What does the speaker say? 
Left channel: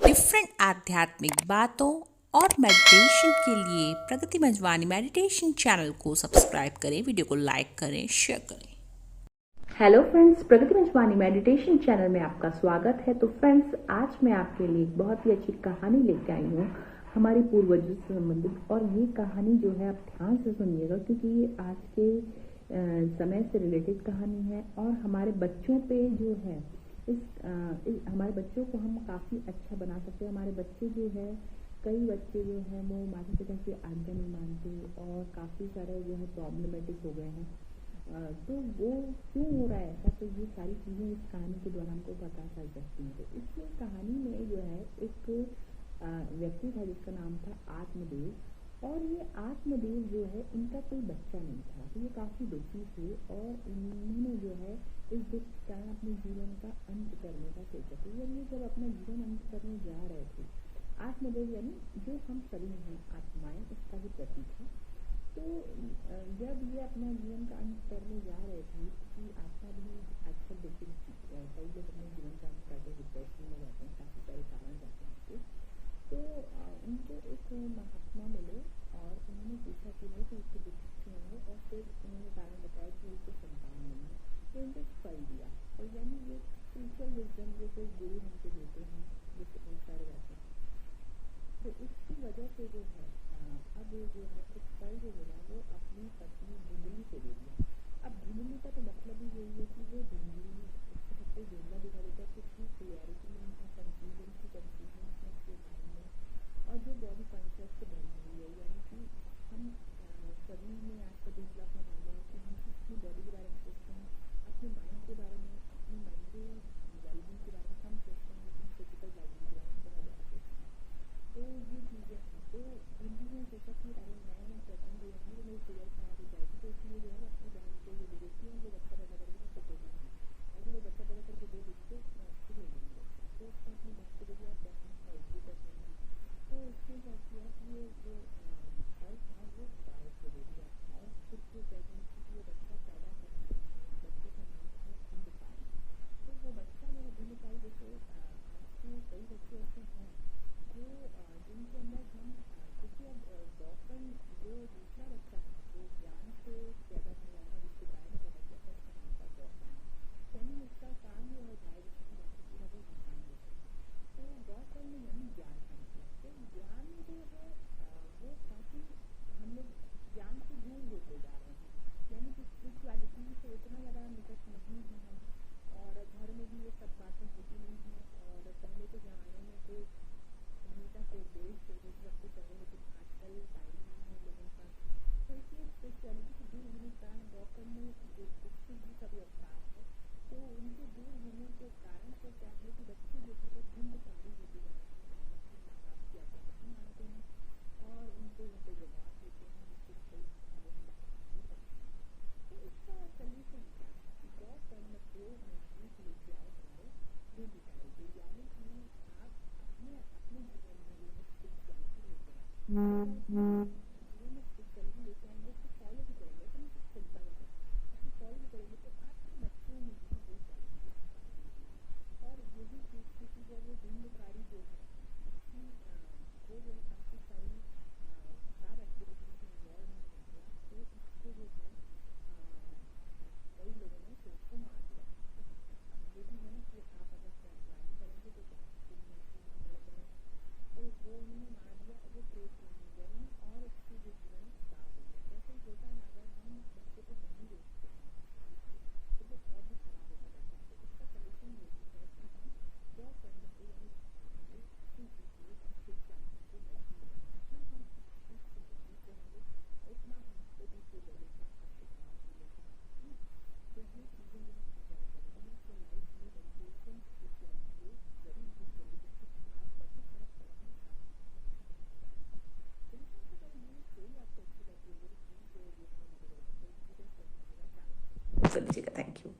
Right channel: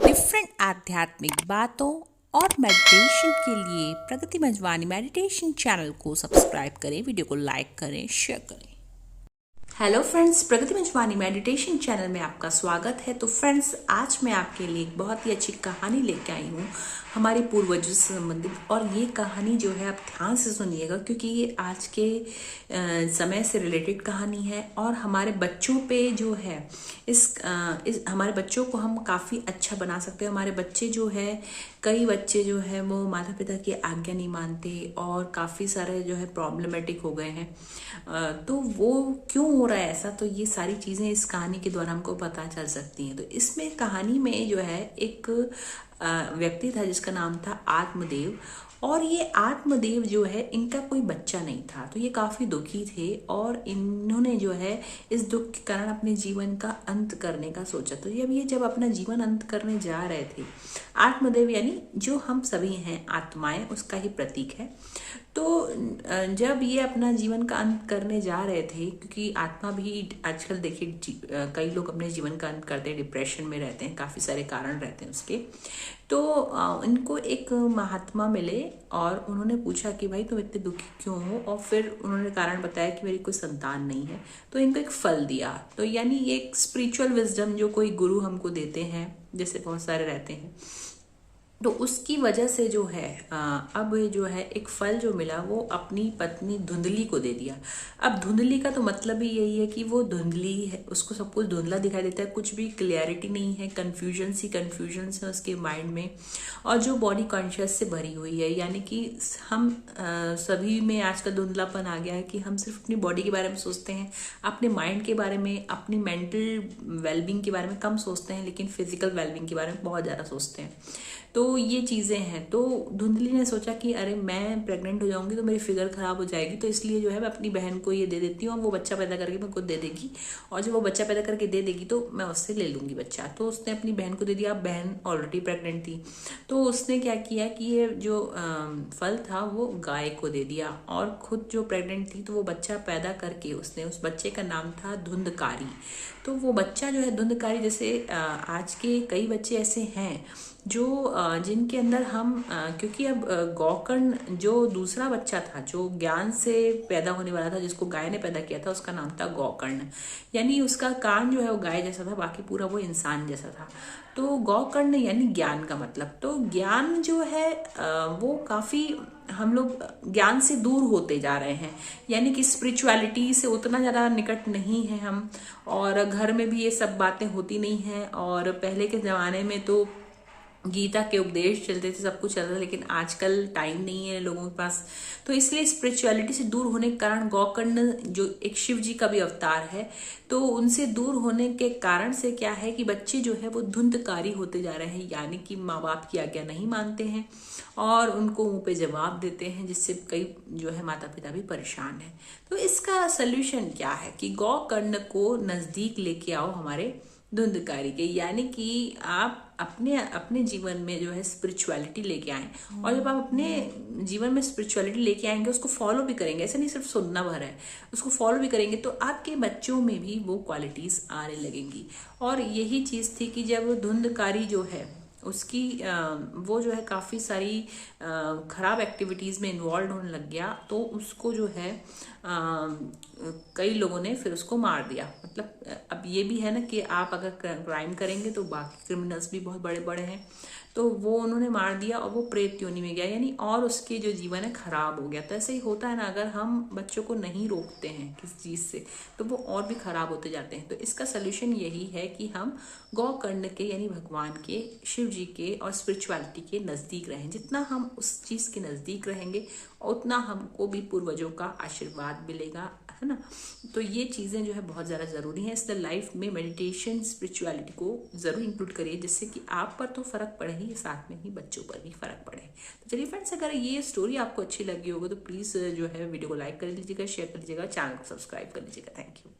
Different आध्यात्मिक बातों और मेडिटेशन के लिए प्रगति मंजवानी मेडिटेशन चैनल को सब्सक्राइब करें, वीडियो को लाइक करें, शेयर करें। हेलो फ्रेंड्स, प्रगति मंजवानी मेडिटेशन चैनल में आपका स्वागत है। तो फ्रेंड्स, आज मैं आपके लिए एक बहुत ही अच्छी कहानी लेके आई हूँ हमारे पूर्वजों से संबंधित। और ये कहानी जो है आप ध्यान से सुनिएगा, क्योंकि ये आज के समय से रिलेटेड कहानी है और हमारे बच्चों पे जो है इस हमारे बच्चों को हम काफ़ी अच्छा बना सकते हैं। हमारे बच्चे जो है, कई बच्चे जो है वो माता पिता की आज्ञा नहीं मानते और काफ़ी सारे जो है प्रॉब्लमेटिक हो गए हैं। तो वो क्यों हो रहा है ऐसा, तो ये सारी चीज़ें इस कहानी के द्वारा हमको पता चल सकती हैं। तो इसमें कहानी में जो है एक व्यक्ति था जिसका नाम था आत्मदेव। और ये आत्मदेव जो है, इनका कोई बच्चा नहीं था, तो ये काफ़ी दुखी थे और इन्होंने जो है इस दुख के कारण अपने जीवन का अंत करने का सोचा। तो जब अपना जीवन अंत करने जा रहे थे, आत्मदेव यानी जो हम सभी हैं आत्माएं, उसका ही प्रतीक है। तो जब ये अपना जीवन का अंत करने जा रहे थे, क्योंकि आत्मा भी आजकल देखिए कई लोग अपने जीवन का अंत करते हैं, डिप्रेशन में रहते हैं, काफ़ी सारे कारण रहते हैं उसके। तो इनको एक महात्मा मिले और उन्होंने पूछा कि भाई तुम इतने दुखी क्यों हो, और फिर उन्होंने कारण बताया कि मेरी कोई संतान नहीं है। तो इनको एक फल दिया। तो यानी एक स्पिरिचुअल विजडम जो कोई गुरु हमको देते हैं, जैसे बहुत सारे रहते हैं, तो उसकी वजह से जो है अब जो है एक फल जो मिला वो अपनी पत्नी धुंधली को दे दिया। अब धुंधली का तो मतलब ही यही है कि वो धुंधली है, उसको सब कुछ धुंधला दिखाई देता है, कुछ भी क्लियरिटी नहीं है, कन्फ्यूजन है उसके माइंड में, और जो बॉडी कॉन्शियस से भरी हुई है। यानी कि हम सभी में आजकल धुंधलापन आ गया है कि हम सिर्फ अपनी बॉडी के बारे में सोचते हैं, अपने माइंड के बारे में, अपनी मेंटल वेलबींग के बारे में कम सोचते हैं, लेकिन फिजिकल वेलबींग के बारे में बहुत ज़्यादा सोचते हैं। तो ये चीज़ें हैं। तो धुंधली ने सोचा कि अरे मैं प्रेग्नेंट हो जाऊंगी तो मेरी फिगर खराब हो जाएगी, तो इसलिए जो है मैं अपनी बहन को ये दे देती हूँ और वो बच्चा पैदा करके मेरे को दे देगी, और जब वो बच्चा पैदा करके दे देगी तो मैं उससे ले लूँगी बच्चा। तो उसने अपनी बहन को दे दिया। अब बहन ऑलरेडी प्रेग्नेंट थी, तो उसने क्या किया कि ये जो फल था वो गाय को दे दिया, और खुद जो प्रेग्नेंट थी तो वो बच्चा पैदा करके उसने, उस बच्चे का नाम था धुंधकारी। तो वो बच्चा जो है धुंधकारी, जैसे आज के कई बच्चे ऐसे हैं जो जिनके अंदर हम क्योंकि अब गौकर्ण जो दूसरा बच्चा था जो ज्ञान से पैदा होने वाला था, जिसको गाय ने पैदा किया था, उसका नाम था गौकर्ण। यानी उसका कान जो है वो गाय जैसा था, बाकी पूरा वो इंसान जैसा था। तो गौकर्ण यानी ज्ञान का मतलब। तो ज्ञान जो है वो काफ़ी हम लोग ज्ञान से दूर होते जा रहे हैं, यानी कि स्पिरिचुअलिटी से उतना ज़्यादा निकट नहीं है हम, और घर में भी ये सब बातें होती नहीं हैं। और पहले के ज़माने में तो गीता के उपदेश चलते थे, सब कुछ चलता था, लेकिन आजकल टाइम नहीं है लोगों के पास। तो इसलिए स्पिरिचुअलिटी से दूर होने के कारण गौकर्ण जो एक शिव जी का भी अवतार है, तो उनसे दूर होने के कारण से क्या है कि बच्चे जो है वो धुंधकारी होते जा रहे हैं, यानी कि माँ बाप की आज्ञा नहीं मानते हैं और उनको मुंह पे जवाब देते हैं, जिससे कई जो है माता पिता भी परेशान हैं। तो इसका सोल्यूशन क्या है कि गौकर्ण को नज़दीक लेके आओ हमारे धुंधकारी के, यानी कि आप अपने अपने जीवन में जो है स्पिरिचुअलिटी लेके आए। और जब आप अपने जीवन में स्पिरिचुअलिटी लेके आएंगे, उसको फॉलो भी करेंगे, ऐसे नहीं सिर्फ सुनना भर है, उसको फॉलो भी करेंगे, तो आपके बच्चों में भी वो क्वालिटीज आने लगेंगी। और यही चीज़ थी कि जब धुंधकारी जो है उसकी वो जो है काफ़ी सारी ख़राब एक्टिविटीज़ में इन्वॉल्व होने लग गया, तो उसको जो है कई लोगों ने फिर उसको मार दिया। मतलब अब ये भी है ना कि आप अगर क्राइम करेंगे तो बाकी क्रिमिनल्स भी बहुत बड़े बड़े हैं, तो वो उन्होंने मार दिया और वो प्रेत योनि में गया, यानी और उसके जो जीवन है खराब हो गया। तो ऐसे ही होता है ना, अगर हम बच्चों को नहीं रोकते हैं किसी चीज़ से तो वो और भी खराब होते जाते हैं। तो इसका सोल्यूशन यही है कि हम गौकर्ण के यानी भगवान के, शिव जी के और स्पिरिचुअलिटी के नज़दीक रहें। जितना हम उस चीज़ के नज़दीक रहेंगे उतना हमको भी पूर्वजों का आशीर्वाद मिलेगा, है ना। तो ये चीज़ें जो है बहुत ज़्यादा ज़रूरी हैं इस लाइफ में। मेडिटेशन, स्पिरिचुअलिटी को ज़रूर इंक्लूड करिए, जिससे कि आप पर तो फ़र्क पड़े ही, साथ में ही बच्चों पर भी फ़र्क पड़े। तो चलिए फ्रेंड्स, अगर ये स्टोरी आपको अच्छी लगी होगी तो प्लीज़ जो है वीडियो को लाइक कर लीजिएगा, शेयर कर लीजिएगा, चैनल को सब्सक्राइब कर लीजिएगा। Thank you.